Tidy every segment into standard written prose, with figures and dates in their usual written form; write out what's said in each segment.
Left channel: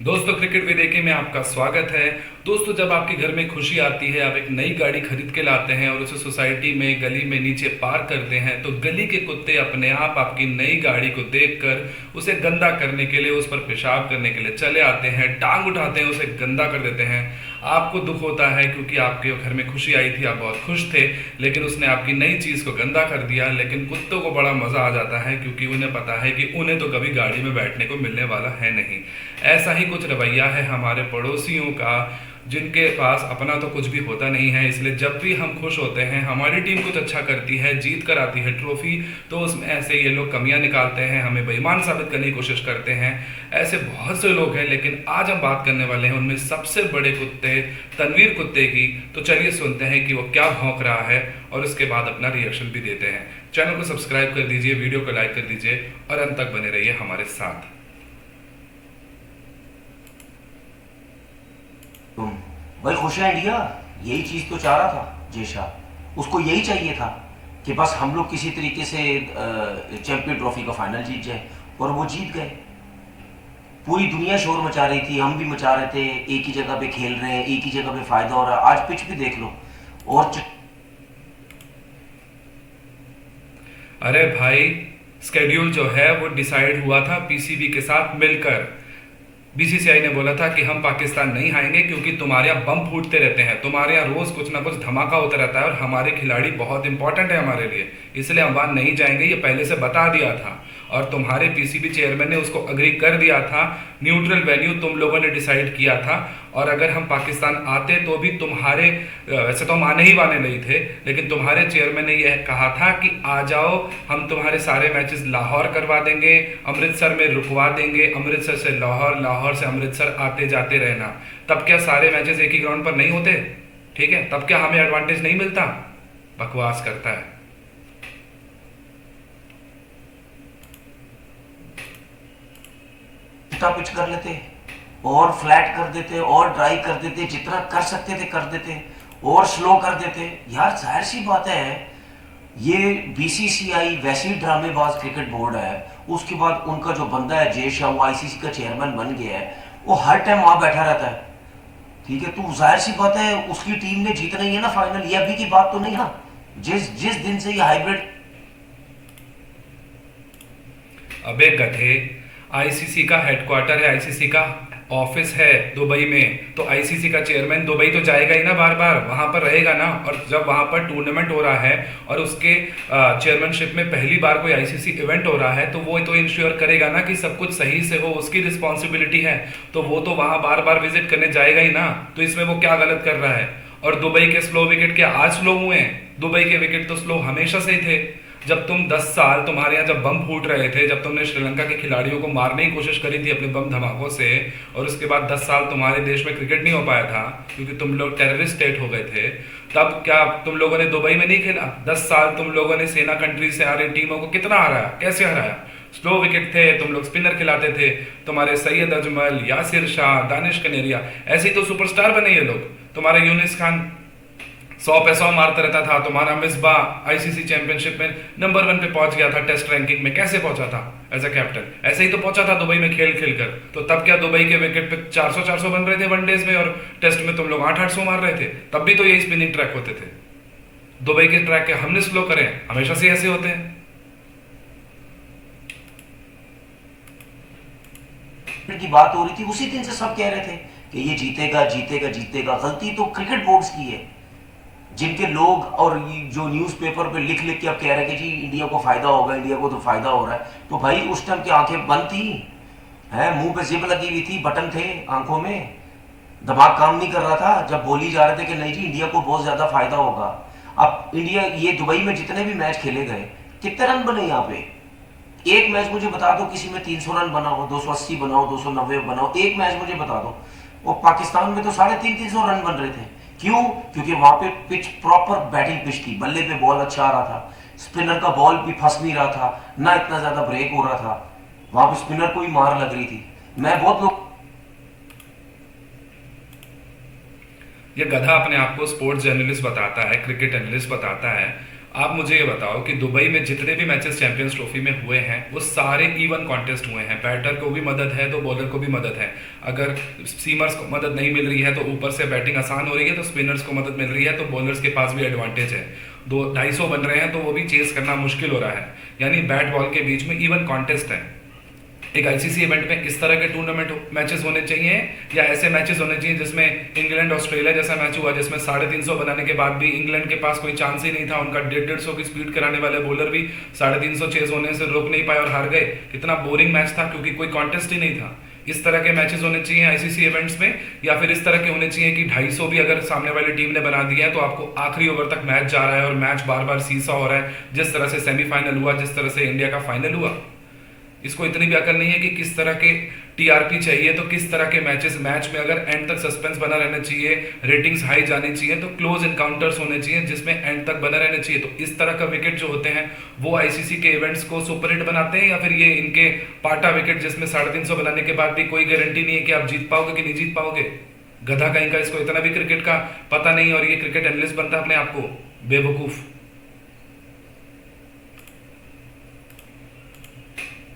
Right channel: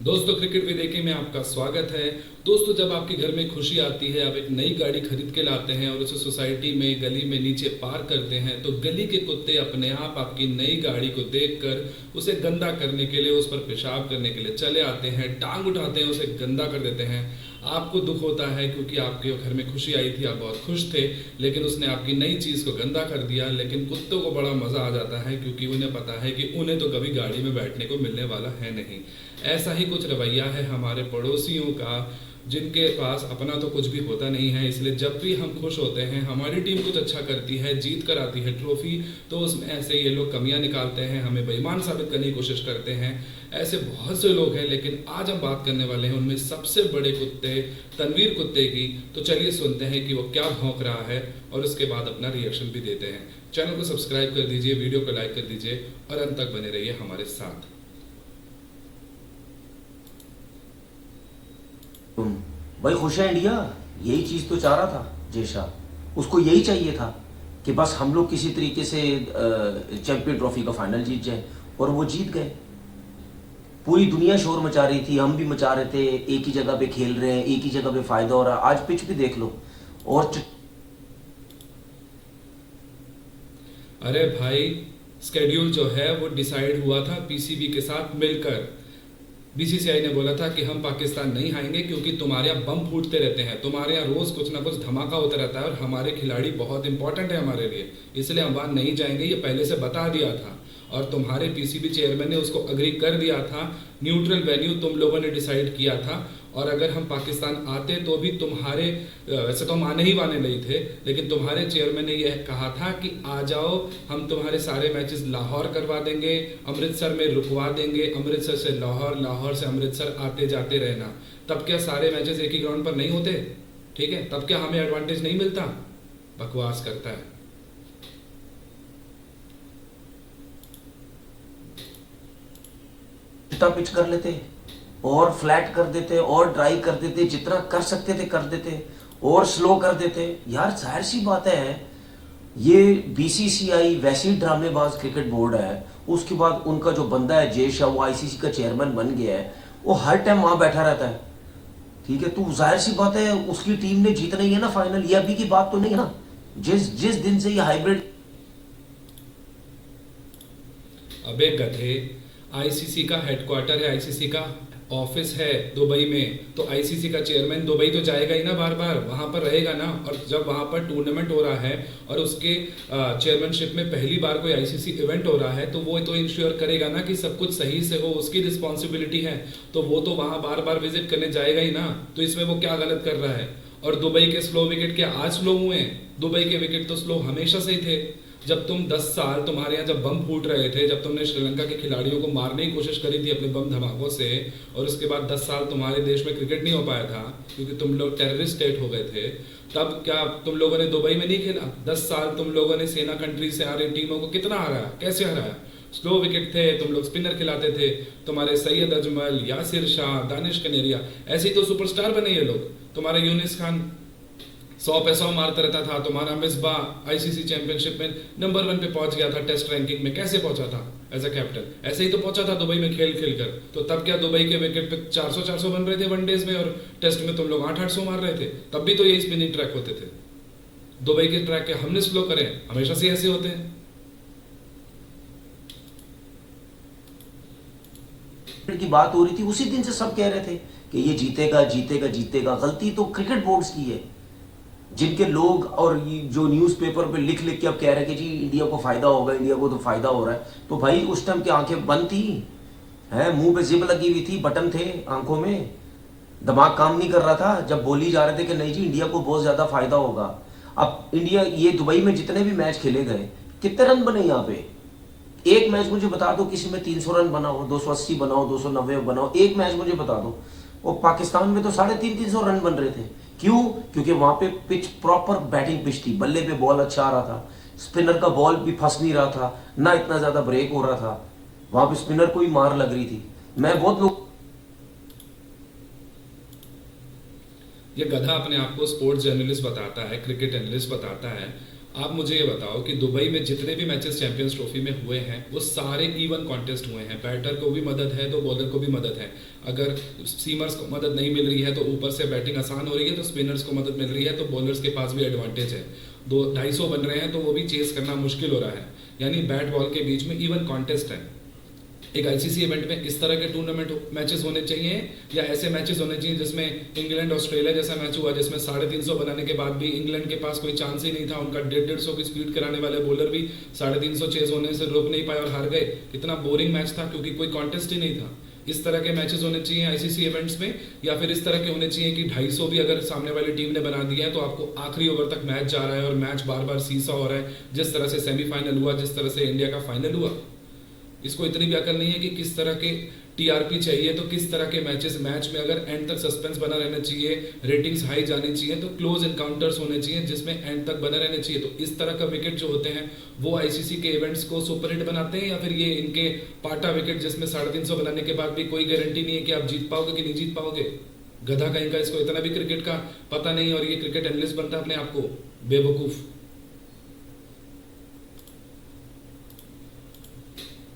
दोस्तों, क्रिकेट विदेकी में आपका स्वागत है। दोस्तों, जब आपके घर में खुशी आती है, आप एक नई गाड़ी खरीद के लाते हैं और उसे सोसाइटी में गली में नीचे पार्क करते हैं, तो गली के कुत्ते अपने आप आपकी नई गाड़ी को देखकर उसे गंदा करने के लिए, उस पर पेशाब करने के लिए चले आते हैं, टांग उठाते हैं, उसे गंदा कर देते हैं। आपको दुख होता है क्योंकि आपके घर में खुशी आई थी, आप बहुत खुश थे, लेकिन उसने आपकी नई चीज़ को गंदा कर दिया। लेकिन कुत्तों को बड़ा मज़ा आ जाता है क्योंकि उन्हें पता है कि उन्हें तो कभी गाड़ी में बैठने को मिलने वाला है नहीं। ऐसा ही कुछ रवैया है हमारे पड़ोसियों का, जिनके पास अपना तो कुछ भी होता नहीं है। इसलिए जब भी हम खुश होते हैं, हमारी टीम कुछ अच्छा करती है, जीत कर आती है ट्रॉफी, तो उसमें ऐसे ये लोग कमियां निकालते हैं, हमें बेईमान साबित करने की कोशिश करते हैं। ऐसे बहुत से लोग हैं, लेकिन आज हम बात करने वाले हैं उनमें सबसे बड़े कुत्ते तनवीर कुत्ते की। तो चलिए सुनते हैं कि वो क्या भौंक रहा है और उसके बाद अपना रिएक्शन भी देते हैं। चैनल को सब्सक्राइब कर दीजिए, वीडियो को लाइक कर दीजिए और अंत तक बने रहिए हमारे साथ। तुम भाई खुश है इंडिया। यही चीज तो चाह रहा था जेशा। उसको यही चाहिए था कि बस हम लोग किसी तरीके से चैंपियन ट्रॉफी का फाइनल जीत जाए, और वो जीत गए। पूरी दुनिया शोर मचा रही थी, हम भी मचा रहे थे, एक ही जगह पे खेल रहे हैं, एक ही जगह पे फायदा हो रहा है। आज पिच भी देख लो। और अरे भाई, स्केड्यूल जो है वो डिसाइड हुआ था पीसीबी के साथ मिलकर। बीसीसीआई ने बोला था कि हम पाकिस्तान नहीं आएंगे क्योंकि तुम्हारे यहाँ बम फूटते रहते हैं, तुम्हारे यहाँ रोज कुछ ना कुछ धमाका होता रहता है और हमारे खिलाड़ी बहुत इंपॉर्टेंट है हमारे लिए, इसलिए हम वहाँ नहीं जाएंगे, ये पहले से बता दिया था। और तुम्हारे पीसीबी चेयरमैन ने उसको अग्री कर दिया था। न्यूट्रल वेन्यू तुम लोगों ने डिसाइड किया था। और अगर हम पाकिस्तान आते तो भी तुम्हारे, वैसे तो हम आने ही वाले नहीं थे, लेकिन तुम्हारे चेयरमैन ने यह कहा था कि आ जाओ, हम तुम्हारे सारे मैचेस लाहौर करवा देंगे, अमृतसर में रुकवा देंगे, अमृतसर से लाहौर, लाहौर से अमृतसर आते जाते रहना। तब क्या सारे मैचेस एक ही ग्राउंड पर नहीं होते? ठीक है, तब क्या हमें एडवांटेज नहीं मिलता? बकवास करता है। पिच कर लेते और फ्लैट कर देते और ड्राई कर देते, जितना कर सकते थे कर देते, और स्लो कर देते। यार जाहिर सी बात है, ये बीसीसीआई वैसे ही ड्रामेबाज क्रिकेट बोर्ड है। उसके बाद उनका जो बंदा है जय शाह, वो आईसीसी का चेयरमैन बन गया है, वो हर टाइम वहां बैठा रहता है। ठीक है, तो जाहिर सी बात है उसकी टीम ने जीतना ही है ना फाइनल। ये अभी की बात तो नहीं है ना। जिस जिस दिन से ये हाइब्रिड। अबे गधे, आईसीसी का हेडक्वार्टर है, आईसीसी का ऑफिस है दुबई में, तो आईसीसी का चेयरमैन दुबई तो जाएगा ही ना, बार बार वहां पर रहेगा ना। और जब वहां पर टूर्नामेंट हो रहा है और उसके चेयरमैनशिप में पहली बार कोई आईसीसी इवेंट हो रहा है, तो वो तो इंश्योर करेगा ना कि सब कुछ सही से हो, उसकी रिस्पॉन्सिबिलिटी है। तो वो तो वहां बार बार विजिट करने जाएगा ही ना। तो इसमें वो क्या गलत कर रहा है? और दुबई के स्लो विकेट क्या आज स्लो हुए हैं? दुबई के विकेट तो स्लो हमेशा से ही थे। जब तुम 10 साल, तुम्हारे यहाँ जब बम फूट रहे थे, जब तुमने श्रीलंका के खिलाड़ियों को मारने की कोशिश करी थी अपने बम धमाकों से, और उसके बाद 10 साल तुम्हारे देश में क्रिकेट नहीं हो पाया था क्योंकि तुम लोग टेररिस्ट स्टेट हो गए थे, तब क्या तुम लोगों ने दुबई में नहीं खेला? 10 साल तुम लोगों ने सेना कंट्री से आ रही टीमों को कितना हराया, कैसे हराया? स्लो विकेट थे, तुम लोग स्पिनर खिलाते थे, तुम्हारे सैयद अजमल, यासिर शाह, दानिश कनेरिया, ऐसे ही तो सुपरस्टार बने ये लोग। तुम्हारा यूनिस खान 100 पे 100 मारता रहता था। तुम्हारा मिसबाह आईसीसी चैंपियनशिप में नंबर 1 पे पहुंच गया था टेस्ट रैंकिंग में। कैसे पहुंचा था? एज अ कैप्टन ऐसे ही तो पहुंचा था दुबई में खेल खेल कर। तो तब क्या दुबई के विकेट पे 400 बन रहे थे वनडेज में, और टेस्ट में तुम लोग 800 मार रहे थे? तब भी तो यही स्पिनिंग ट्रैक होते थे। दुबई के ट्रैक के हमने स्लो करे, हमेशा से ऐसे होते हैं। की बात हो रही थी, उसी दिन से सब कह रहे थे कि ये जीतेगा जीतेगा जीतेगा। गलती तो क्रिकेट बोर्ड्स की है, जिनके लोग और जो न्यूज़पेपर पे लिख लिख के अब कह रहे हैं कि जी इंडिया को फायदा होगा, इंडिया को तो फायदा हो रहा है। तो भाई उस टाइम की आंखें बंद थी, है मुंह पे जिप लगी हुई थी, बटन थे आंखों में, दिमाग काम नहीं कर रहा था जब बोली जा रहे थे कि नहीं जी इंडिया को बहुत ज्यादा फायदा होगा। अब इंडिया, ये दुबई में जितने भी मैच खेले गए, कितने रन बने यहाँ पे? एक मैच मुझे बता दो किसी में 300 रन बनाओ, 280 बनाओ, 290 बनाओ, एक मैच मुझे बता दो। और पाकिस्तान में तो 350 रन बन रहे थे। क्यों? क्योंकि वहां पे पिच प्रॉपर बैटिंग पिच थी, बल्ले पे बॉल अच्छा आ रहा था, स्पिनर का बॉल भी फंस नहीं रहा था, ना इतना ज्यादा ब्रेक हो रहा था, वहां पे स्पिनर को ही मार लग रही थी। मैं बहुत लोग, ये गधा अपने आप को स्पोर्ट्स जर्नलिस्ट बताता है, क्रिकेट एनालिस्ट बताता है, आप मुझे ये बताओ कि दुबई में जितने भी मैचेस चैंपियंस ट्रॉफी में हुए हैं वो सारे इवन कॉन्टेस्ट हुए हैं। बैटर को भी मदद है तो बॉलर को भी मदद है। अगर सीमर्स को मदद नहीं मिल रही है तो ऊपर से बैटिंग आसान हो रही है, तो स्पिनर्स को मदद मिल रही है तो बॉलर्स के पास भी एडवांटेज है। 250 बन रहे हैं तो वो भी चेस करना मुश्किल हो रहा है। यानी बैट बॉल के बीच में इवन कॉन्टेस्ट है। एक आईसीसी इवेंट में इस तरह के टूर्नामेंट मैचेस होने चाहिए, या ऐसे मैचेस होने चाहिए जिसमें इंग्लैंड ऑस्ट्रेलिया जैसा मैच हुआ जिसमें 350 बनाने के बाद भी इंग्लैंड के पास कोई चांस ही नहीं था। उनका 150 की स्पीड कराने वाले बॉलर भी 350 चेज होने से रोक नहीं पाए और हार गए। कितना बोरिंग मैच था, क्योंकि कोई कॉन्टेस्ट ही नहीं था। इस तरह के मैचेस होने चाहिए आईसीसी इवेंट्स में, या फिर इस तरह के होने चाहिए कि 250 भी अगर सामने वाली टीम ने बना दिया है तो आपको आखिरी ओवर तक मैच जा रहा है और मैच बार बार सीसा हो रहा है, जिस तरह से सेमीफाइनल हुआ, जिस तरह से इंडिया का फाइनल हुआ। इसको इतनी भी अकल नहीं है कि किस तरह के टीआरपी चाहिए, तो किस तरह के मैच में अगर एंड तक सस्पेंस बना रहना चाहिए, रेटिंग्स हाई जानी चाहिए, तो क्लोज इनकाउंटर्स होने चाहिए जिसमें एंड तक बना रहना चाहिए। तो इस तरह का विकेट जो होते हैं वो आईसीसी के इवेंट्स को सुपरहिट बनाते हैं, या फिर ये इनके पाटा विकेट जिसमें 350 बनाने के बाद भी कोई गारंटी नहीं है कि आप जीत पाओगे कि नहीं जीत पाओगे। गधा कहीं का, इसको इतना भी क्रिकेट का पता नहीं और ये क्रिकेट एनालिस्ट बनता है अपने आप को, बेवकूफ।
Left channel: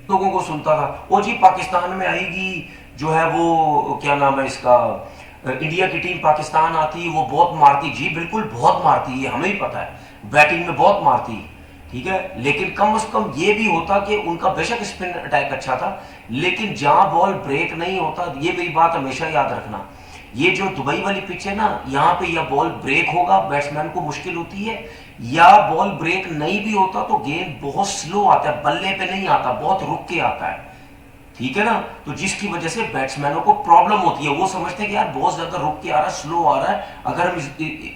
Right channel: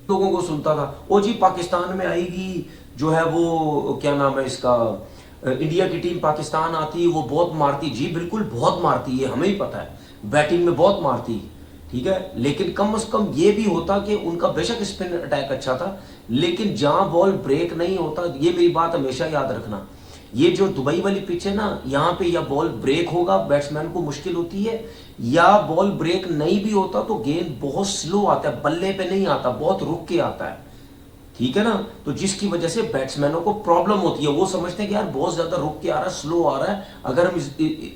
लोगों को सुनता था वो जी पाकिस्तान में आएगी, जो है वो क्या नाम है इसका, इंडिया की टीम पाकिस्तान आती वो बहुत मारती। जी बिल्कुल बहुत मारती है, हमें ही पता है, बैटिंग में बहुत मारती, ठीक है। लेकिन कम से कम ये भी होता कि उनका बेशक स्पिन अटैक अच्छा था, लेकिन जहां बॉल ब्रेक नहीं होता, ये मेरी बात हमेशा याद रखना, ये जो दुबई वाली पिच है ना, यहाँ पे या बॉल ब्रेक होगा बैट्समैन को मुश्किल होती है, या बॉल ब्रेक नहीं भी होता तो गेंद बहुत स्लो आता है, बल्ले पे नहीं आता, बहुत रुक के आता है, ठीक है ना। तो जिसकी वजह से बैट्समैनों को प्रॉब्लम होती है, वो समझते हैं कि यार बहुत ज्यादा रुक के आ रहा है, स्लो आ रहा है, अगर हम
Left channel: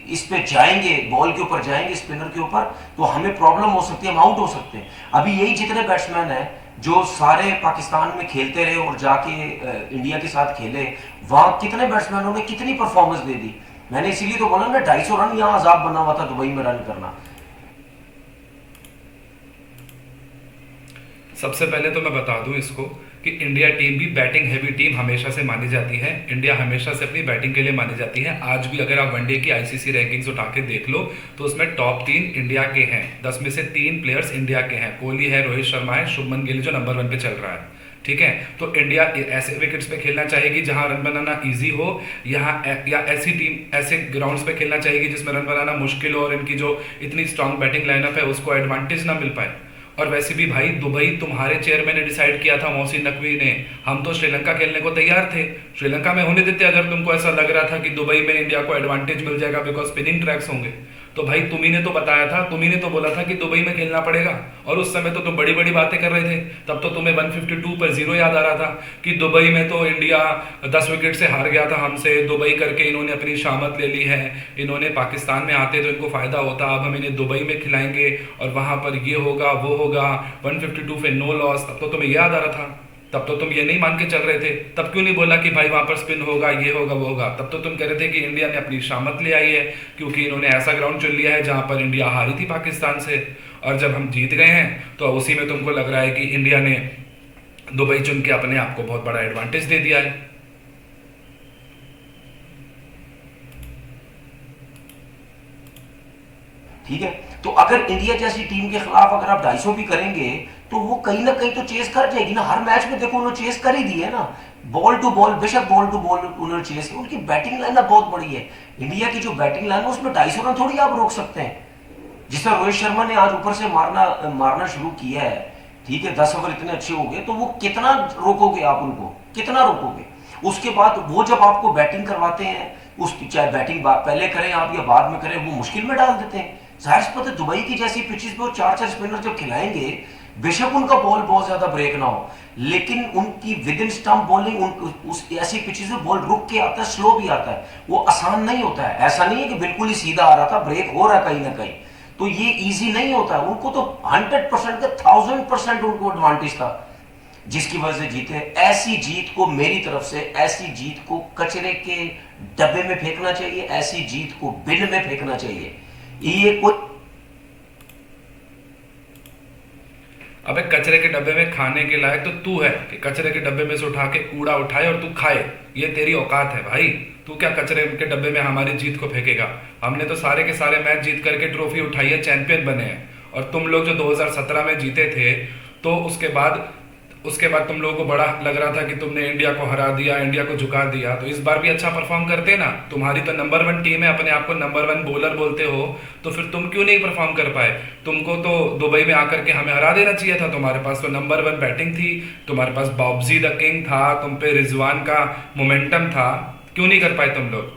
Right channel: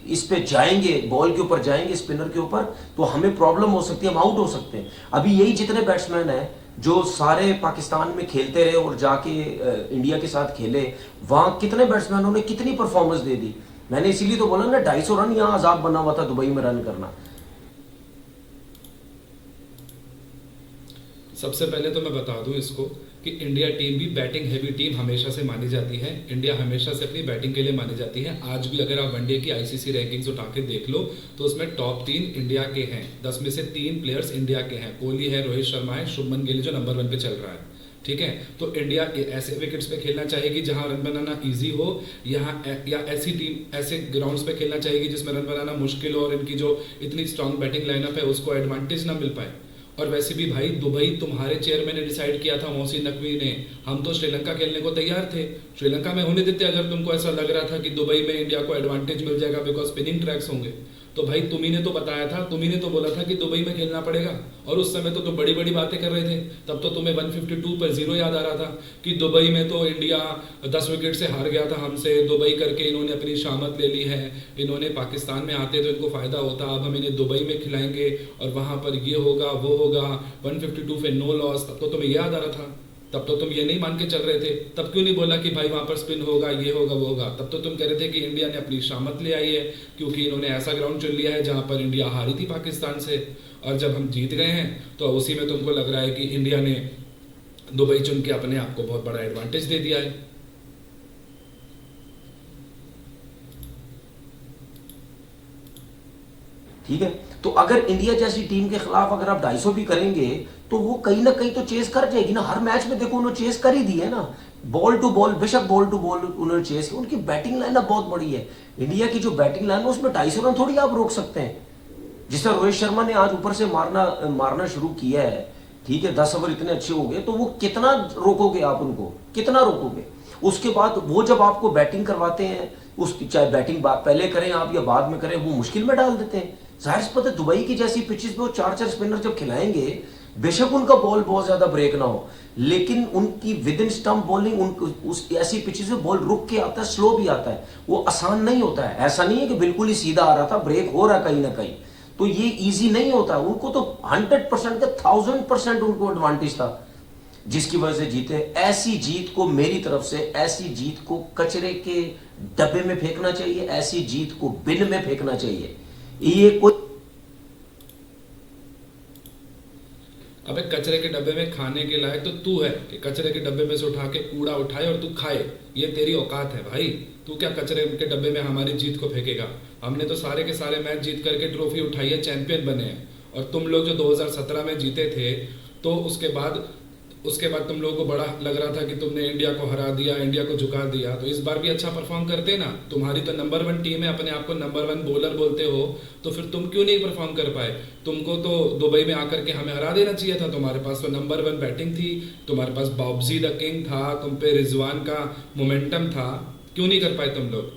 इस पे जाएंगे, बॉल के ऊपर जाएंगे, स्पिनर के ऊपर, तो हमें प्रॉब्लम हो सकती है, हम आउट हो सकते हैं। अभी यही जितने बैट्समैन हैं जो सारे पाकिस्तान में खेलते रहे और जाके इंडिया के साथ खेले, वहां कितने बैट्समैनों ने कितनी परफॉर्मेंस दे दी। मैंने इसीलिए तो बोला ना 250 रन यहां अजाब बना हुआ था दुबई में रन करना। सबसे पहले तो मैं बता दूं इसको कि इंडिया टीम भी बैटिंग हैवी टीम हमेशा से मानी जाती है। इंडिया हमेशा से अपनी बैटिंग के लिए मानी जाती है। आज भी अगर आप वनडे की आईसीसी रैंकिंग्स उठा के देख लो तो उसमें टॉप 3 इंडिया के हैं। 10 में से 3 प्लेयर्स इंडिया के हैं। कोहली है, रोहित शर्मा है, शुभमन गिल जो नंबर 1 पे चल रहा है। ठीक है, तो इंडिया ऐसे विकेट्स पे खेलना चाहेगी जहां रन बनाना इजी हो, या ऐसी टीम ऐसे ग्राउंड्स पे खेलना चाहेगी जिसमें रन बनाना मुश्किल हो और इनकी जो इतनी स्ट्रांग बैटिंग लाइनअप है उसको एडवांटेज ना मिल पाए। और वैसे भी भाई दुबई तुम्हारे चेयरमैन ने डिसाइड किया था, मोहसिन नकवी ने। हम तो श्रीलंका खेलने को तैयार थे, श्रीलंका में होने देते अगर तुमको ऐसा लग रहा था कि दुबई में इंडिया को एडवांटेज मिल जाएगा बिकॉज स्पिनिंग ट्रैक्स होंगे। तो भाई तुम्ही ने तो बताया था, तुम्ही ने तो बोला था कि दुबई में खेलना पड़ेगा, और उस समय तो तुम बड़ी बड़ी बातें कर रहे थे। तब तो तुम्हें 152 पर 0 याद आ रहा था कि दुबई में तो इंडिया 10 विकेट से हार गया था हमसे, दुबई करके इन्होंने अपनी शामत ले ली है, इन्होंने पाकिस्तान में आते तो इनको फायदा होता, अब हम इन्हें दुबई में खिलाएंगे और वहां पर ये होगा वो होगा, 152 पे नो लॉस। तब तो तुम्हें याद आ रहा था, तब तो तुम ये नहीं मान के चल रहे थे। तब क्यों नहीं बोला कि भाई वहां पर स्पिन होगा, ये होगा वो होगा। तब तो तुम कह रहे थे कि इंडिया ने अपनी शामत ले आई है क्योंकि इन्होंने ऐसा ग्राउंड चुन लिया है जहां पर इंडिया हारी थी पाकिस्तान से, और जब हम जीत गए हैं तो उसी में तुमको लग रहा है कि इंडिया ने दुबई चुन के अपने आप को बहुत बड़ा एडवांटेज दे दिया है। ठीक है, तो अगर इंडिया जैसी टीम के खिलाफ अगर आप 250 भी करेंगे तो वो कहीं ना कहीं तो चेस कर जाएगी ना। हर मैच में देखो उन्होंने चेस कर ही दी है ना, बॉल टू बॉल, बेशक बॉल टू बॉल उन्होंने चेस की। उनकी बैटिंग लाइन बहुत बड़ी है, इंडिया की जो बैटिंग लाइन है उसमें 250 रन थोड़ी आप रोक सकते हैं। जिस तरह रोहित शर्मा ने आज ऊपर से मारना शुरू किया है, ठीक है, 10 ओवर इतने अच्छे हो गए, तो वो कितना रोकोगे आप उनको, कितना रोकोगे। उसके बाद वो जब आपको बैटिंग करवाते हैं, उस चाहे बैटिंग पहले करें आप या बाद में करें, वो मुश्किल में डाल देते हैं। जाहिर सी बात है दुबई की जैसी पिचेस पे वो 4-4 स्पिनर जब खिलाएंगे, बेशक उनका बॉल बहुत ज्यादा ब्रेक ना हो, लेकिन उनकी विद इन स्टंप बॉलिंग उस ऐसी पिचेस में बॉल रुक के आता है, स्लो भी आता है, वो आसान नहीं होता है। ऐसा नहीं है कि बिल्कुल ही सीधा आ रहा था, ब्रेक हो रहा है कहीं ना कहीं, तो ये इजी नहीं होता है। उनको तो 100% का 1000% उनको एडवांटेज था, जिसकी वजह से जीते। ऐसी जीत को मेरी तरफ से, ऐसी जीत को कचरे के डब्बे में फेंकना चाहिए, ऐसी जीत को बिन में फेंकना चाहिए। ये कोई अबे कचरे के डब्बे में खाने के लायक तो तू है कि कचरे के डब्बे में से उठा के कूड़ा उठाए और तू खाए। ये तेरी औकात है भाई। तू क्या कचरे के डब्बे में हमारी जीत को फेंकेगा। हमने तो सारे के सारे मैच जीत करके ट्रॉफी उठाई है, चैंपियन बने हैं। और तुम लोग जो 2017 में जीते थे, तो उसके बाद तुम लोगों को बड़ा लग रहा था कि तुमने इंडिया को हरा दिया, इंडिया को झुका दिया। तो इस बार भी अच्छा परफॉर्म करते ना। तुम्हारी तो नंबर 1 टीम है, अपने आप को नंबर 1 बॉलर बोलते हो, तो फिर तुम क्यों नहीं परफॉर्म कर पाए। तुमको तो दुबई में आकर के हमें हरा देना चाहिए था। तुम्हारे पास तो नंबर 1 बैटिंग थी, तुम्हारे पास बॉब्जी द किंग था, तुम पे रिजवान का मोमेंटम था। क्यों नहीं कर पाए तुम लोग।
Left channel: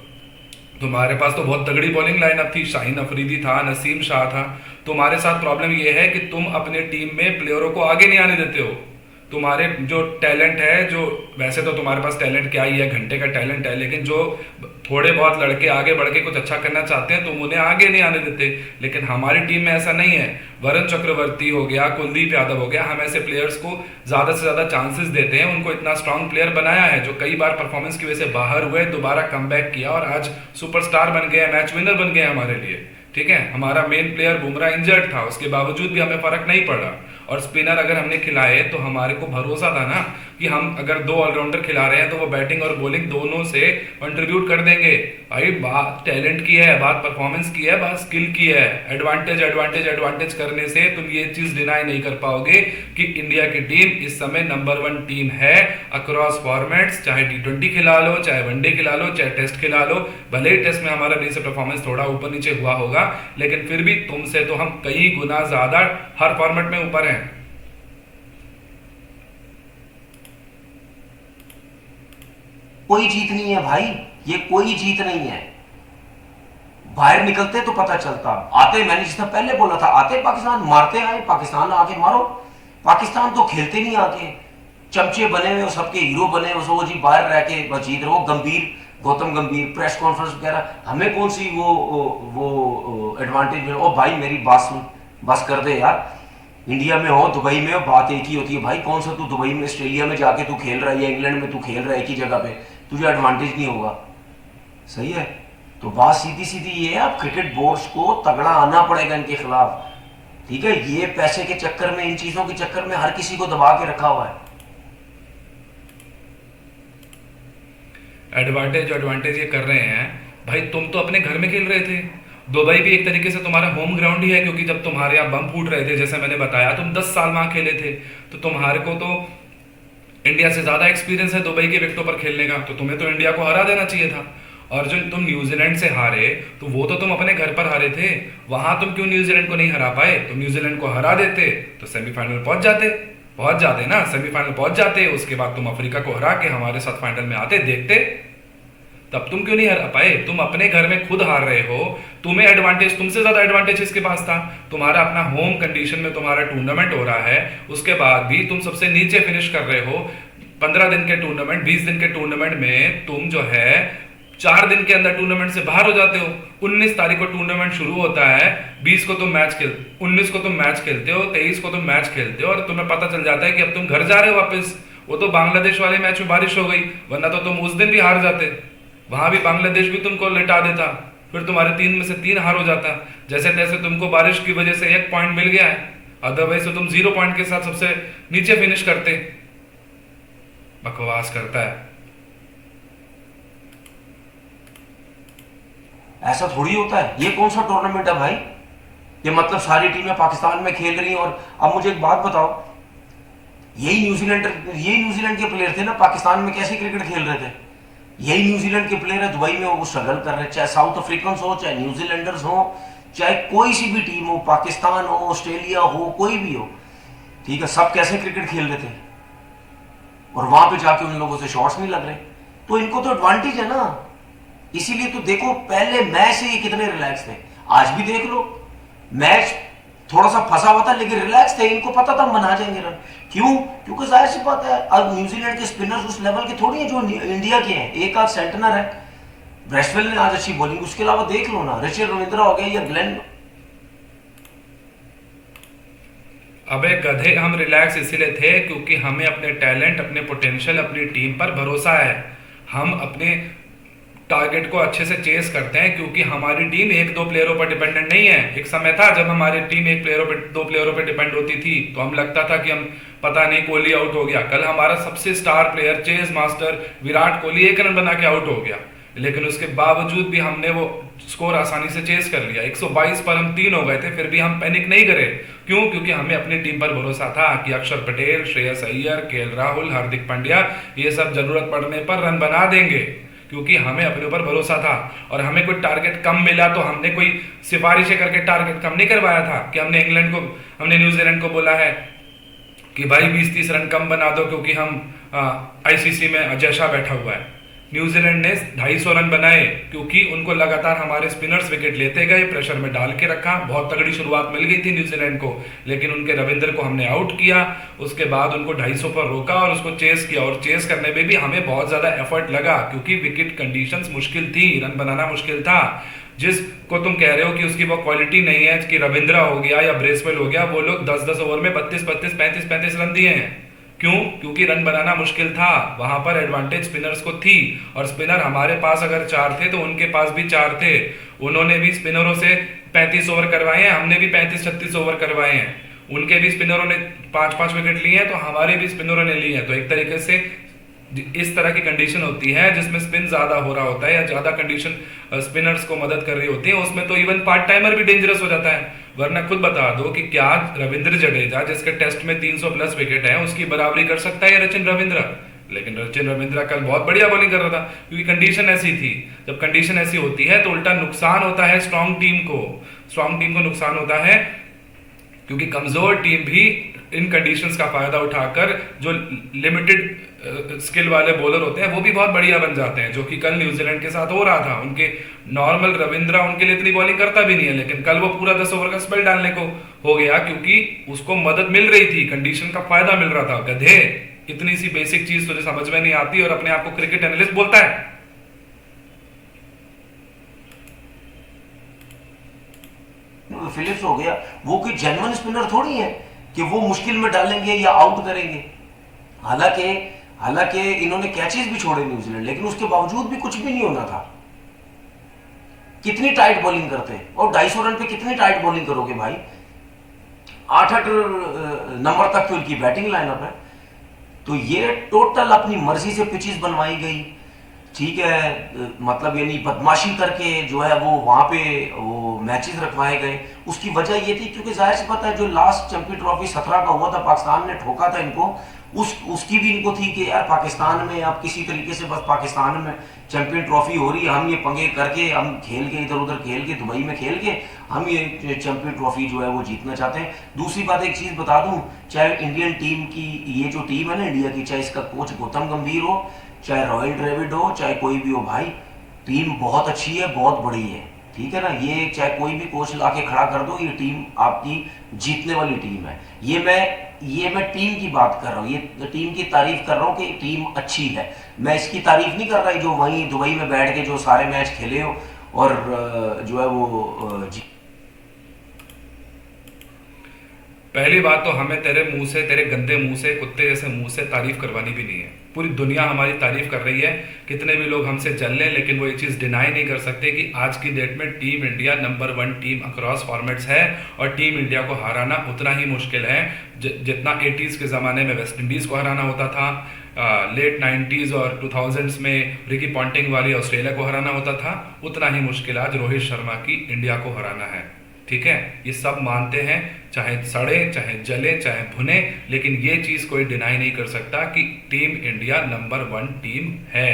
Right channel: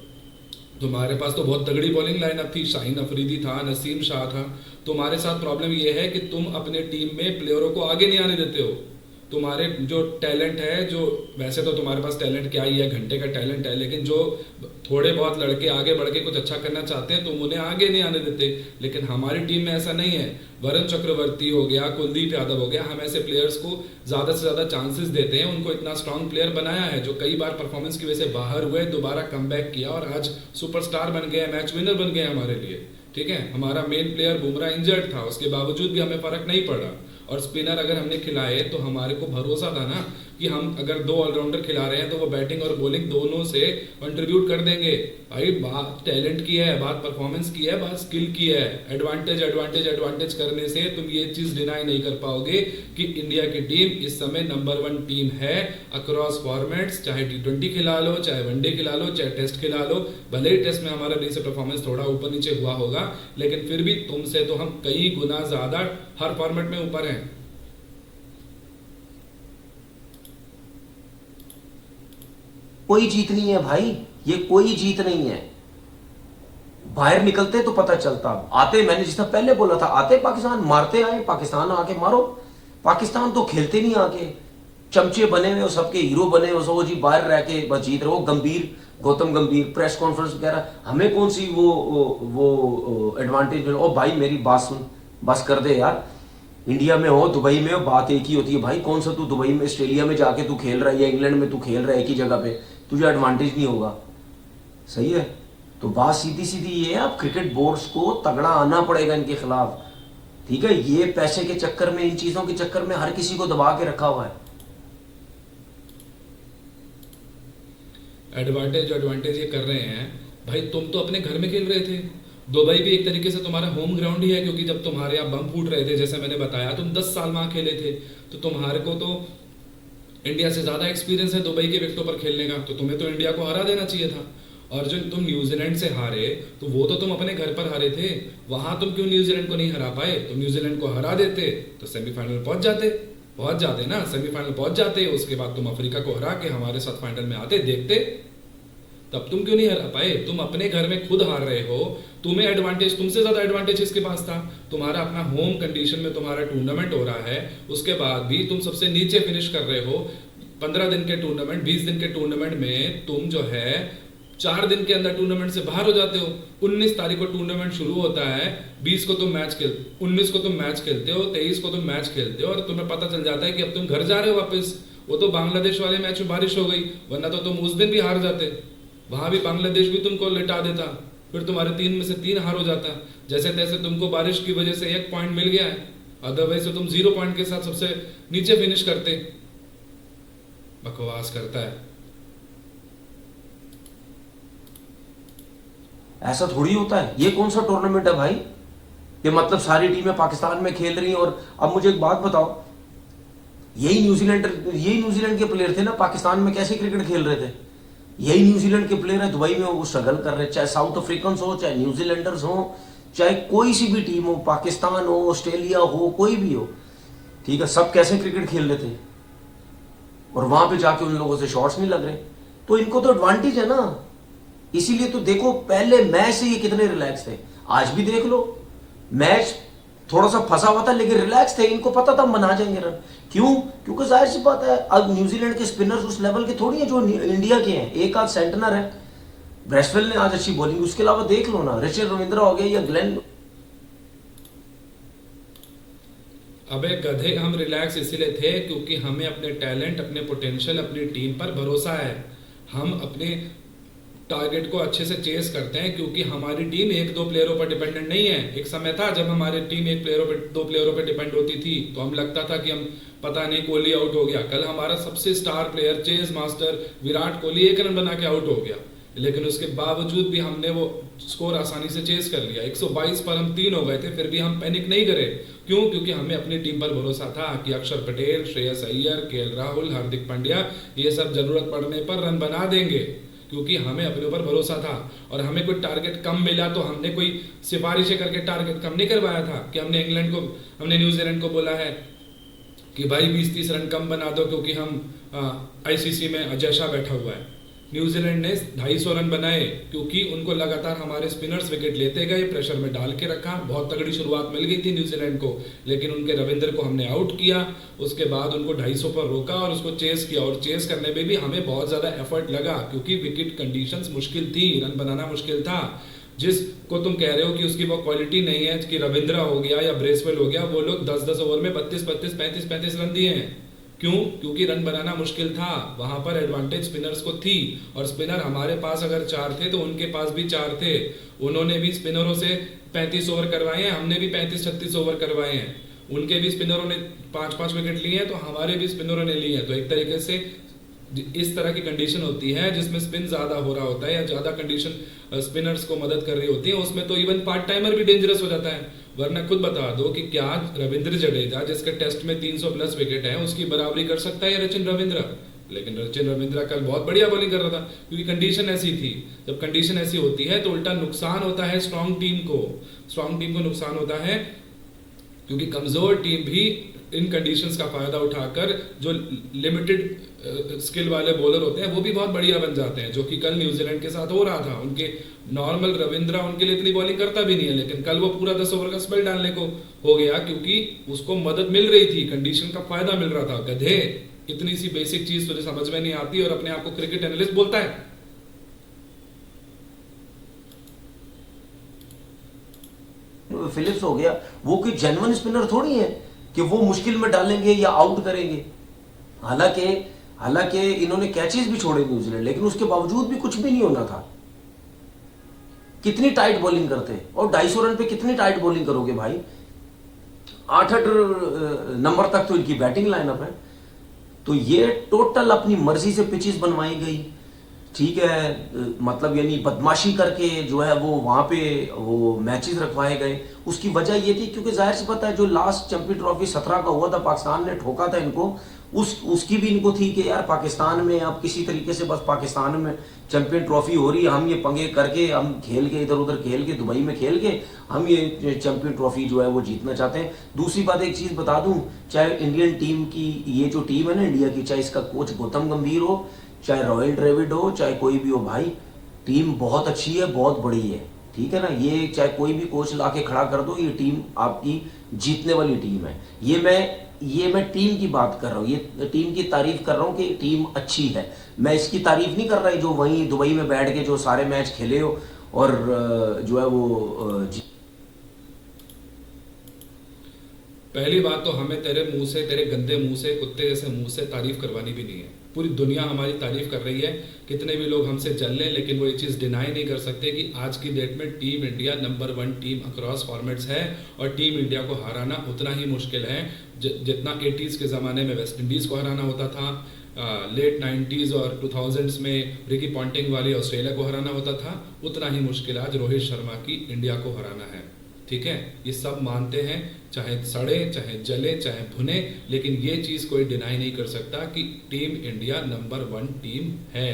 तुम्हारे पास तो बहुत तगड़ी बॉलिंग लाइनअप थी, शाहीन अफरीदी था, नसीम शाह था। तुम्हारे साथ प्रॉब्लम यह है कि तुम अपने टीम में प्लेयरों को आगे नहीं आने देते हो। तुम्हारे जो टैलेंट है, जो वैसे तो तुम्हारे पास टैलेंट क्या ही है, घंटे का टैलेंट है, लेकिन जो थोड़े बहुत लड़के आगे बढ़ के कुछ अच्छा करना चाहते हैं तुम उन्हें आगे नहीं आने देते। लेकिन हमारी टीम में ऐसा नहीं है। वरुण चक्रवर्ती हो गया, कुलदीप यादव हो गया, हम ऐसे प्लेयर्स को ज़्यादा से ज़्यादा चांसेस देते हैं। उनको इतना स्ट्रांग प्लेयर बनाया है जो कई बार परफॉर्मेंस की वजह से बाहर हुए, दोबारा कमबैक किया और आज सुपरस्टार बन गए, मैच विनर बन गए हमारे लिए। ठीक है, हमारा मेन प्लेयर बुमराह इंजर्ड था, उसके बावजूद भी हमें फर्क नहीं पड़ा। और स्पिनर अगर हमने खिलाए तो हमारे को भरोसा था ना कि हम अगर 2 ऑलराउंडर खिला रहे हैं तो वो बैटिंग और बॉलिंग दोनों से कंट्रीब्यूट कर देंगे। भाई बात टैलेंट की है, बात परफॉर्मेंस की है, बात स्किल की है। एडवांटेज एडवांटेज एडवांटेज करने से तुम ये चीज डिनाई नहीं कर पाओगे कि इंडिया की टीम इस समय नंबर 1 टीम है अक्रॉस फॉर्मेट्स। चाहे T20 खिला लो, चाहे वनडे खिला लो, चाहे टेस्ट खिला लो। भले ही टेस्ट में हमारा बीच से परफॉर्मेंस थोड़ा ऊपर नीचे हुआ होगा, लेकिन फिर भी तुमसे तो हम कई गुना ज्यादा हर फॉर्मेट में ऊपर हैं। कोई जीत नहीं है भाई, ये कोई जीत नहीं है। बाहर निकलते तो पता चलता। आते, मैंने जिस पहले बोला था, आते पाकिस्तान मारते आए, पाकिस्तान आके मारो। पाकिस्तान तो खेलते नहीं आके, चमचे बने हुए, सबके हीरो बने हुए, वो जी बाहर रह के बस जीत रहे हो। गंभीर, गौतम गंभीर प्रेस कॉन्फ्रेंस वगैरह, हमें कौन सी वो एडवांटेज मिले। ओ भाई मेरी बात सुन, बस कर दे यार। इंडिया में हो, दुबई में हो, बात एक ही होती है भाई। कौन सा तू दुबई में, ऑस्ट्रेलिया में जाके तू खेल रहा है या इंग्लैंड में तू खेल रहा है, एक ही जगह पे, तुझे एडवांटेज नहीं होगा। सही है, तो बात सीधी सीधी ये है, अब क्रिकेट बोर्ड्स को तगड़ा आना पड़ेगा इनके खिलाफ। ठीक है, ये पैसे के चक्कर में, इन चीजों के चक्कर में हर किसी को दबा के रखा हुआ है। एडवांटेज एडवांटेज ये कर रहे हैं भाई। तुम तो अपने घर में खेल रहे थे। दुबई भी एक तरीके से तुम्हारा होम ग्राउंड ही है, क्योंकि जब तुम्हारे यहाँ बम फूट रहे थे, जैसे मैंने बताया, तुम 10 साल वहां खेले थे, तो तुम्हारे को तो इंडिया से ज्यादा एक्सपीरियंस है दुबई के विकेटों पर खेलने का। तो तुम्हें तो इंडिया को हरा देना चाहिए था। और जो तुम न्यूजीलैंड से हारे, तो वो तो तुम अपने घर पर हारे थे। वहां तुम क्यों न्यूजीलैंड को नहीं हरा पाए। तुम न्यूजीलैंड को हरा देते तो सेमीफाइनल पहुंच जाते ना, सेमीफाइनल पहुंच जाते। उसके बाद तुम अफ्रीका को हरा के हमारे साथ फाइनल में आते, देखते। तब तुम क्यों नहीं हरा पाए। तुम अपने घर में खुद हार रहे हो। तुम्हें एडवांटेज, तुमसे ज्यादा एडवांटेज इसके पास था। तुम्हारा अपना होम कंडीशन में तुम्हारा टूर्नामेंट हो रहा है, उसके बाद भी तुम सबसे नीचे फिनिश कर रहे हो। 15 दिन के टूर्नामेंट, 20 दिन के टूर्नामेंट में तुम जो है 4 दिन के अंदर टूर्नामेंट से बाहर हो जाते हो। 19 तारीख को टूर्नामेंट शुरू होता है, 20 को तुम मैच खेलते, 19 को तुम मैच खेलते हो, 23 को तुम मैच खेलते हो, और तुम्हें पता चल जाता है कि अब तुम घर जा रहे हो वापस। वो तो बांग्लादेश वाले मैच में बारिश हो गई, वरना तो तुम उस दिन भी हार जाते। वहां भी बांग्लादेश भी तुमको लिटा देता, फिर तुम्हारे 3 में से 3 हार हो जाता। जैसे तैसे तुमको बारिश की वजह से 1 पॉइंट मिल गया है, अदरवाइज तो तुम 0 पॉइंट के साथ सबसे नीचे फिनिश करते। बकवास करता है। ऐसा थोड़ी होता है। ये कौन सा टूर्नामेंट है भाई। ये मतलब सारी टीमें पाकिस्तान में खेल रही हैं। और अब मुझे एक बात बताओ, यही न्यूजीलैंड के प्लेयर थे ना, पाकिस्तान में कैसे क्रिकेट खेल रहे थे। यही न्यूजीलैंड के प्लेयर है, दुबई में वो स्ट्रगल कर रहे हैं। चाहे साउथ अफ्रीकन हो, चाहे न्यूजीलैंडर्स हो, चाहे कोई सी भी टीम हो, पाकिस्तान हो, ऑस्ट्रेलिया हो, कोई भी हो, ठीक है, सब कैसे क्रिकेट खेल रहे थे। और वहां पे जाके उन लोगों से शॉट्स नहीं लग रहे, तो इनको तो एडवांटेज है ना। इसीलिए तो देखो, पहले मैच से ये कितने रिलैक्स थे। आज भी देख लो, मैच थोड़ा सा फंसा हुआ था लेकिन रिलैक्स थे। इनको पता था मना जाएंगे रन। क्यों? क्योंकि जाहिर सी बात है, अब न्यूजीलैंड के स्पिनर्स उस लेवल के थोड़ी है जो इंडिया के हैं। एक आध सेंटनर है, ब्रेस्टवेल ने आज अच्छी बॉलिंग, उसके अलावा देख लो ना, रिचर्ड रविंद्रा हो गया या ग्लेन। अबे गधे, हम रिलैक्स इसीलिए थे क्योंकि हमें अपने टैलेंट, अपने पोटेंशियल, अपनी टीम पर भरोसा है। हम अपने टारगेट को अच्छे से चेस करते हैं, क्योंकि हमारी टीम एक दो प्लेयरों पर डिपेंडेंट नहीं है। एक समय था जब हमारी टीम एक प्लेयरों पर दो प्लेयरों पर डिपेंड होती थी, तो हम लगता था कि हम पता नहीं कोहली आउट हो गया। कल हमारा सबसे star player chess master Virat Kohli 1 run बना के आउट हो गया, लेकिन उसके बावजूद भी हमने वो स्कोर आसानी से चेस कर लिया। 122 पर हम 3 हो गए थे, फिर भी हम पैनिक नहीं करे। क्यों? क्योंकि हमें अपनी टीम पर भरोसा था कि अक्षर पटेल, श्रेयस अय्यर, केएल राहुल, हार्दिक पांड्या ये सब जरूरत पड़ने पर रन बना देंगे, क्योंकि हमें अपने ऊपर भरोसा था। और हमें कोई टारगेट कम मिला तो हमने कोई सिफारिशें करके टारगेट कम नहीं करवाया था कि हमने न्यूजीलैंड को बोला है कि भाई 20-30 रन कम बना दो क्योंकि हम आईसीसी में अजय शाह बैठा हुआ है। न्यूजीलैंड ने 250 रन बनाए क्योंकि उनको लगातार हमारे स्पिनर्स विकेट लेते गए, प्रेशर में डाल के रखा। बहुत तगड़ी शुरुआत मिल गई थी न्यूजीलैंड को, लेकिन उनके रविंद्र को हमने आउट किया। उसके बाद उनको 250 पर रोका और उसको चेस किया, और चेस करने में भी हमें बहुत ज़्यादा एफर्ट लगा क्योंकि विकेट कंडीशंस मुश्किल थी, रन बनाना मुश्किल था। जिसको तुम कह रहे हो कि उसकी वो क्वालिटी नहीं है कि रविंद्र हो गया या ब्रेसवेल हो गया, वो लोग 10-10 ओवर में 32-32, 35-35 रन दिए हैं। क्यों? क्योंकि रन बनाना मुश्किल था। वहां पर एडवांटेज स्पिनर्स को थी, और स्पिनर हमारे पास अगर 4 थे तो उनके पास भी 4 थे। उन्होंने भी स्पिनरों से 35 ओवर करवाए हैं, हमने भी 35-36 ओवर करवाए हैं। उनके भी स्पिनरों ने 5-5 विकेट लिए हैं, तो हमारे भी स्पिनरों ने लिए हैं। तो एक तरीके से इस तरह की कंडीशन होती है जिसमें स्पिन ज्यादा हो रहा होता है या ज्यादा कंडीशन स्पिनर्स को मदद कर रही होती है, उसमें तो इवन पार्ट टाइमर भी डेंजरस हो जाता है। वरना खुद बता दो कि क्या रविंद्र जडेजा, जिसके टेस्ट में 300 प्लस विकेट है, उसकी बराबरी कर सकता है रचिन रविंद्र? लेकिन रचिन रविंद्र कल बहुत बढ़िया बॉलिंग कर रहा था, क्योंकि कंडीशन ऐसी थी। जब कंडीशन ऐसी होती है तो उल्टा नुकसान होता है स्ट्रांग टीम को नुकसान होता है, क्योंकि कमजोर टीम भी इन कंडीशंस का फायदा उठाकर जो लिमिटेड स्किल वाले बॉलर होते हैं वो भी बहुत बढ़िया बन जाते हैं, जो कि कल न्यूजीलैंड के साथ हो रहा था। उनके नॉर्मल रविंद्र उनके लिए इतनी बॉलिंग करता भी नहीं है, लेकिन कल वो पूरा 10 ओवर का स्पेल डालने को हो गया क्योंकि उसको मदद मिल रही थी, कंडीशन का फायदा मिल रहा था। गधे, इतनी सी बेसिक चीज तुझे समझ में नहीं आती और अपने आप को क्रिकेट एनालिस्ट बोलता है। फिलिप्स हो गया, वो कोई जेन्युइन स्पिनर थोड़ी है कि वो मुश्किल में डालेंगे या आउट करेंगे। हालांकि इन्होंने कैचेस भी छोड़े न्यूजीलैंड, लेकिन उसके बावजूद भी कुछ भी नहीं होना था। कितनी टाइट बॉलिंग करते हैं, और 250 रन पे कितनी टाइट बॉलिंग करोगे भाई? 8 नंबर तक तो इनकी बैटिंग लाइनअप है। तो ये टोटल अपनी मर्जी से पिचेस बनवाई गई, ठीक है, मतलब यानी बदमाशी करके जो है वो वहां पे वो मैचेस रखवाए गए। उसकी वजह ये थी क्योंकि जाहिर सी बात है, जो लास्ट चैंपियन ट्रॉफी 17 का हुआ था, पाकिस्तान ने ठोका था इनको, उसकी भी इनको थी कि यार पाकिस्तान में अब किसी तरीके से बस पाकिस्तान में चैंपियन ट्रॉफी हो रही है, हम ये पंगे करके, हम खेल के इधर उधर खेल के, दुबई में खेल के हम ये चैंपियन ट्रॉफी जो है वो जीतना चाहते हैं। दूसरी बात एक चीज बता दूं, चाहे इंडियन टीम की ये जो टीम है ना इंडिया की, चाहे इसका कोच गौतम गंभीर हो, चाहे रॉयल ड्रेविड हो, चाहे कोई भी हो भाई, टीम बहुत अच्छी है, बहुत बड़ी है, ठीक है ना। ये चाहे कोई भी कोच ला के खड़ा कर दो, ये टीम आपकी जीतने वाली टीम है। ये मैं टीम की बात कर रहा हूँ, ये टीम की तारीफ कर रहा हूँ कि टीम अच्छी है। मैं इसकी तारीफ नहीं कर रहा जो वहीं दुबई में बैठ के जो सारे मैच खेले हो और जो है वो पहली बात तो हमें तेरे मुंह से, तेरे गंदे मुंह से, कुत्ते जैसे मुंह से तारीफ करवानी भी नहीं है। पूरी दुनिया हमारी तारीफ कर रही है, कितने भी लोग हमसे जल लें, लेकिन वो ये चीज़ डिनाई नहीं कर सकते कि आज की डेट में team India number 1 team across formats है, और टीम इंडिया को हराना उतना ही मुश्किल है जितना 80s के ज़माने में वेस्ट इंडीज़ को हराना होता था, लेट 90s और 2000s में रिकी पॉन्टिंग वाली ऑस्ट्रेलिया को हराना होता था। उतना ही मुश्किल आज रोहित शर्मा की इंडिया को हराना है, ठीक है। ये सब मानते हैं, चाहे सड़े, चाहे जले, चाहे भुने, लेकिन ये चीज़ कोई डिनाई नहीं कर सकता कि टीम इंडिया नंबर 1 टीम है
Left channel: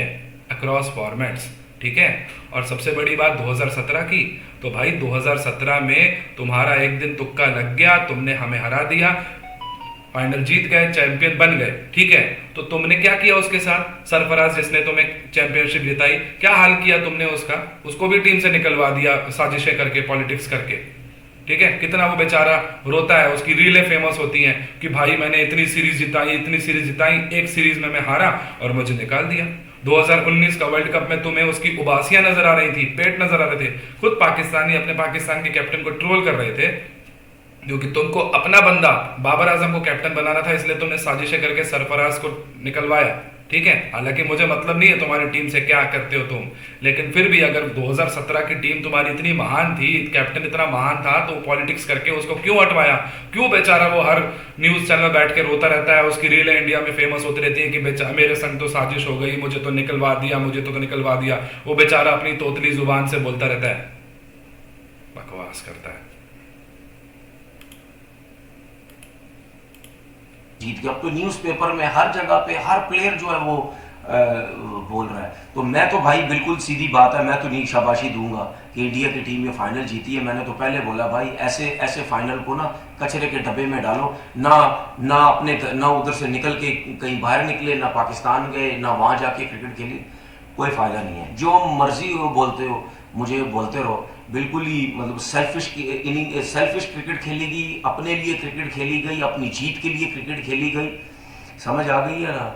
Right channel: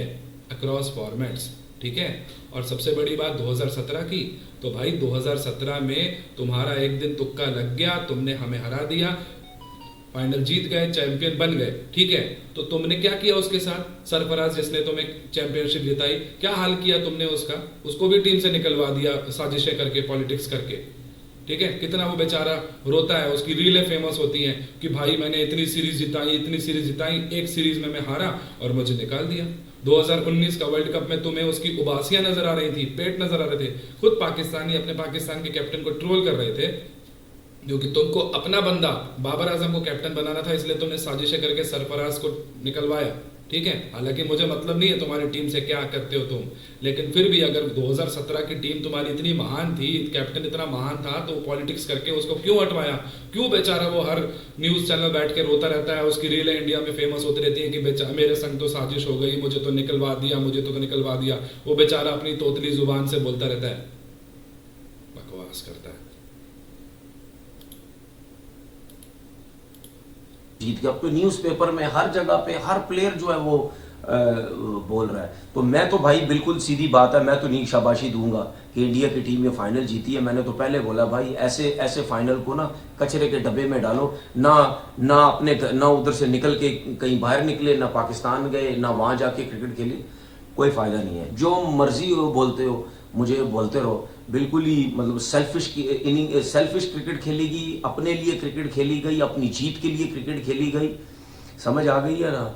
अक्रॉस फॉर्मेट्स, ठीक है। और सबसे बड़ी बात 2017 की, तो भाई 2017 में तुम्हारा एक दिन तुक्का लग गया, तुमने हमें हरा दिया, फाइनल जीत गए, चैंपियन बन गए, ठीक है। तो तुमने क्या किया उसके साथ? सरफराज जिसने तुम्हें चैंपियनशिप जिताई, क्या हाल किया तुमने उसका? उसको भी टीम से निकलवा दिया साजिशें करके, पॉलिटिक्स करके, ठीक है। कितना वो बेचारा रोता है, उसकी रीलें फेमस होती हैं कि भाई मैंने इतनी सीरीज जिताई, एक सीरीज में मैं हारा और मुझे निकाल दिया। 2019 का वर्ल्ड कप में तुम्हें उसकी उबासियां नजर आ रही थी, पेट नजर आ रहे थे। खुद पाकिस्तानी अपने पाकिस्तान के कैप्टन को ट्रोल कर रहे थे, क्योंकि तुमको अपना बंदा बाबर आजम को कैप्टन बनाना था, इसलिए तुमने साजिशें करके सरफराज को निकलवाया, ठीक है, हालांकि मुझे मतलब नहीं है तुम्हारी टीम से क्या करते हो तुम, लेकिन फिर भी अगर 2017 की टीम तुम्हारी इतनी महान थी, कैप्टन इतना महान था, तो पॉलिटिक्स करके उसको क्यों हटवाया? क्यों बेचारा वो हर न्यूज चैनल बैठ के रोता रहता है? उसकी रीलें इंडिया में फेमस होती रहती है कि बेचारा मेरे संग तो साजिश हो गई, मुझे तो निकलवा दिया, मुझे तो निकलवा दिया। वो बेचारा अपनी तोतली जुबान से बोलता रहता है, बकवास करता है। जीत गया। अब तो न्यूज़पेपर में हर जगह पे हर प्लेयर जो है वो बोल रहा है। तो मैं तो भाई बिल्कुल सीधी बात है, मैं तो नहीं शाबाशी दूंगा कि इंडिया की टीम ये फाइनल जीती है। मैंने तो पहले बोला भाई ऐसे ऐसे फाइनल को ना कचरे के डब्बे में डालो ना, ना अपने ना उधर से निकल के कहीं बाहर निकले, ना पाकिस्तान गए, ना वहां जाके क्रिकेट खेली, कोई फायदा नहीं है। जो मर्जी हो बोलते हो, मुझे बोलते रहो। बिल्कुल ही मतलब सेल्फिश क्रिकेट खेली गई, अपने लिए क्रिकेट खेली गई, अपनी जीत के लिए क्रिकेट खेली गई। समझ आ गई है ना?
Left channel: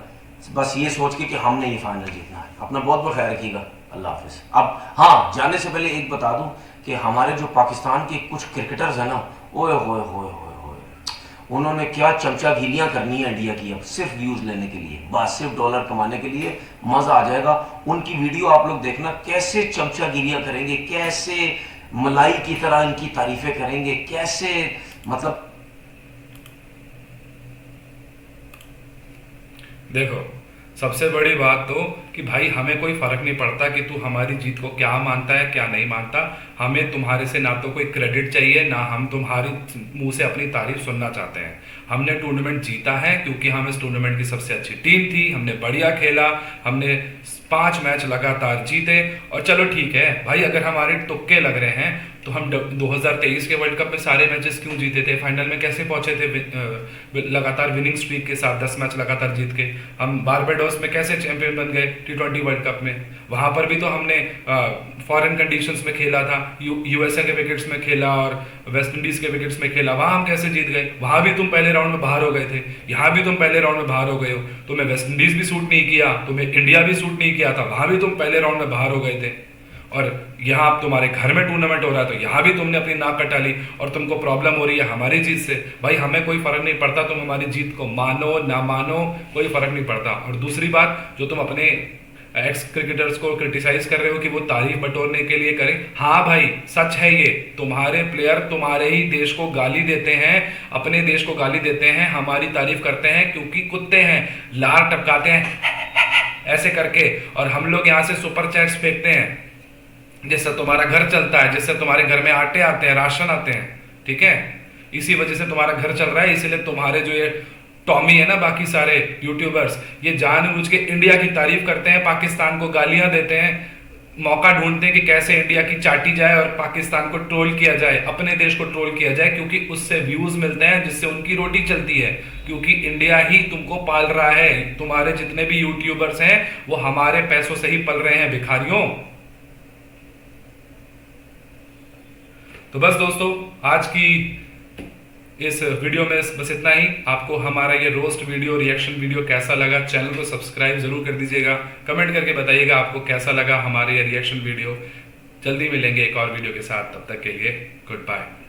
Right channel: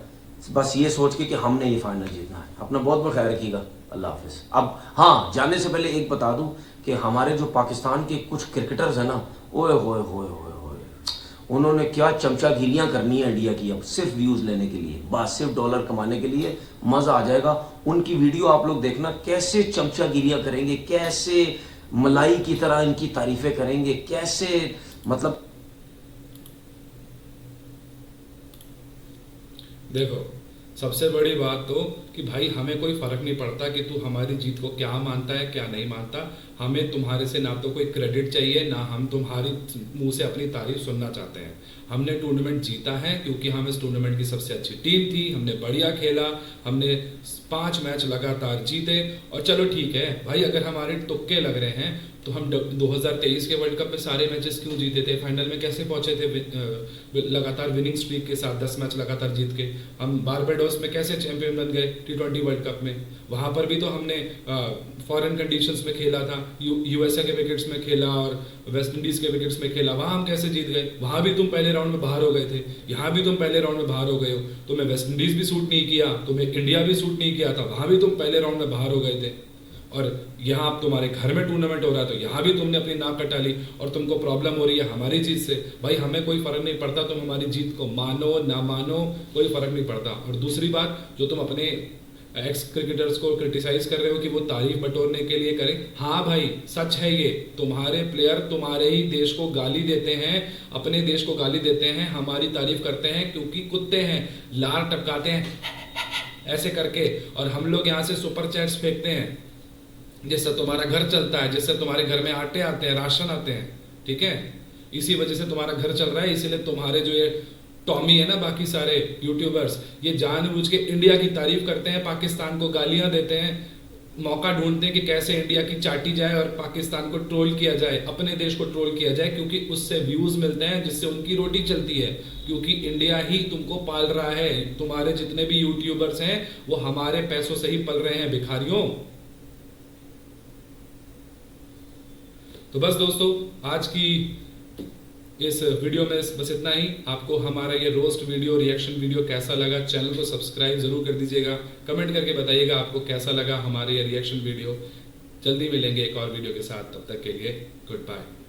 बस ये सोच के कि हमने ये फाइनल जीतना है। अपना बहुत बहुत ख्याल रखिएगा। अल्लाह हाफिज। अब हाँ, जाने से पहले एक बता दूं कि हमारे जो पाकिस्तान के कुछ क्रिकेटर्स हैं ना, ओए होए होए होए, उन्होंने क्या चमचागिरियां करनी है इंडिया की अब, सिर्फ व्यूज लेने के लिए, बस सिर्फ डॉलर कमाने के लिए। मजा आ जाएगा उनकी वीडियो आप लोग देखना, कैसे चमचागिरियां करेंगे, कैसे मलाई की तरह इनकी तारीफें करेंगे, कैसे मतलब। देखो, सबसे बड़ी बात तो कि भाई हमें कोई फर्क नहीं पड़ता कि तू हमारी जीत को क्या मानता है क्या नहीं मानता। हमें तुम्हारे से ना तो कोई क्रेडिट चाहिए, ना हम तुम्हारी मुंह से अपनी तारीफ सुनना चाहते हैं। हमने टूर्नामेंट जीता है क्योंकि हम इस टूर्नामेंट की सबसे अच्छी टीम थी, हमने बढ़िया खेला, हमने 5 मैच लगातार जीते। और चलो ठीक है भाई, अगर हमारे तुक्के लग रहे हैं तो हम 2023 के वर्ल्ड कप में सारे मैचेस क्यों जीते थे, फाइनल में कैसे पहुंचे थे लगातार विनिंग स्ट्रीक के साथ 10 मैच लगातार जीत के? हम बारबाडोस में कैसे चैंपियन बन गए T20 वर्ल्ड कप में? वहां पर भी तो हमने फॉरेन कंडीशंस में खेला था, यूएसए के विकेट्स में खेला और वेस्ट इंडीज के विकेट्स में खेला, वहां हम कैसे जीत गए? वहां भी तुम पहले राउंड में बाहर हो गए थे, यहाँ भी तुम पहले राउंड में बाहर हो गए हो। तुम्हें वेस्ट इंडीज भी सूट नहीं किया, तुम्हें इंडिया भी सूट नहीं किया था, वहां भी तुम पहले राउंड में बाहर हो गए थे। और यहाँ अब तुम्हारे घर में टूर्नामेंट हो रहा है तो यहाँ भी तुमने अपनी नाक कटा ली और तुमको प्रॉब्लम हो रही है हमारी जीत से। भाई हमें कोई फर्क नहीं पड़ता, तुम हमारी जीत को मानो ना मानो, कोई फर्क नहीं पड़ता। और दूसरी बात, जो तुम अपने एक्स क्रिकेटर्स को क्रिटिसाइज कर रहे हो कि वो तारीफ बटोरने के लिए करें, हाँ भाई सच है ये, तुम्हारे प्लेयर तुम्हारे ही देश को गाली देते हैं, अपने देश को गाली देते हैं, हमारी तारीफ करते हैं क्योंकि कुत्ते हैं, लार टपकाते हैं ऐसे करके, और हम लोग यहाँ से सुपर चैट्स फेंकते हैं जिससे तुम्हारा घर चलता है, जिससे तुम्हारे घर में आटे आते हैं, राशन आते हैं, ठीक है? इसी वजह से तुम्हारा घर चल रहा है। इसीलिए तुम्हारे जो ये टॉमी है ना, बाकी सारे यूट्यूबर्स, ये जानबूझ के इंडिया की तारीफ करते हैं, पाकिस्तान को गालियां देते हैं, मौका ढूंढते हैं कि कैसे इंडिया की चाटी जाए और पाकिस्तान को ट्रोल किया जाए, अपने देश को ट्रोल किया जाए, क्योंकि उससे व्यूज मिलते हैं, जिससे उनकी रोटी चलती है, क्योंकि इंडिया ही तुमको पाल रहा है। तुम्हारे जितने भी यूट्यूबर्स हैं वो हमारे पैसों से ही पल रहे हैं, भिखारियों। तो बस दोस्तों, आज की इस वीडियो में बस इतना ही। आपको हमारा ये रोस्ट वीडियो, रिएक्शन वीडियो कैसा लगा? चैनल को सब्सक्राइब जरूर कर दीजिएगा, कमेंट करके बताइएगा आपको कैसा लगा हमारे ये रिएक्शन वीडियो। जल्दी मिलेंगे एक और वीडियो के साथ, तब तक के लिए गुड बाय।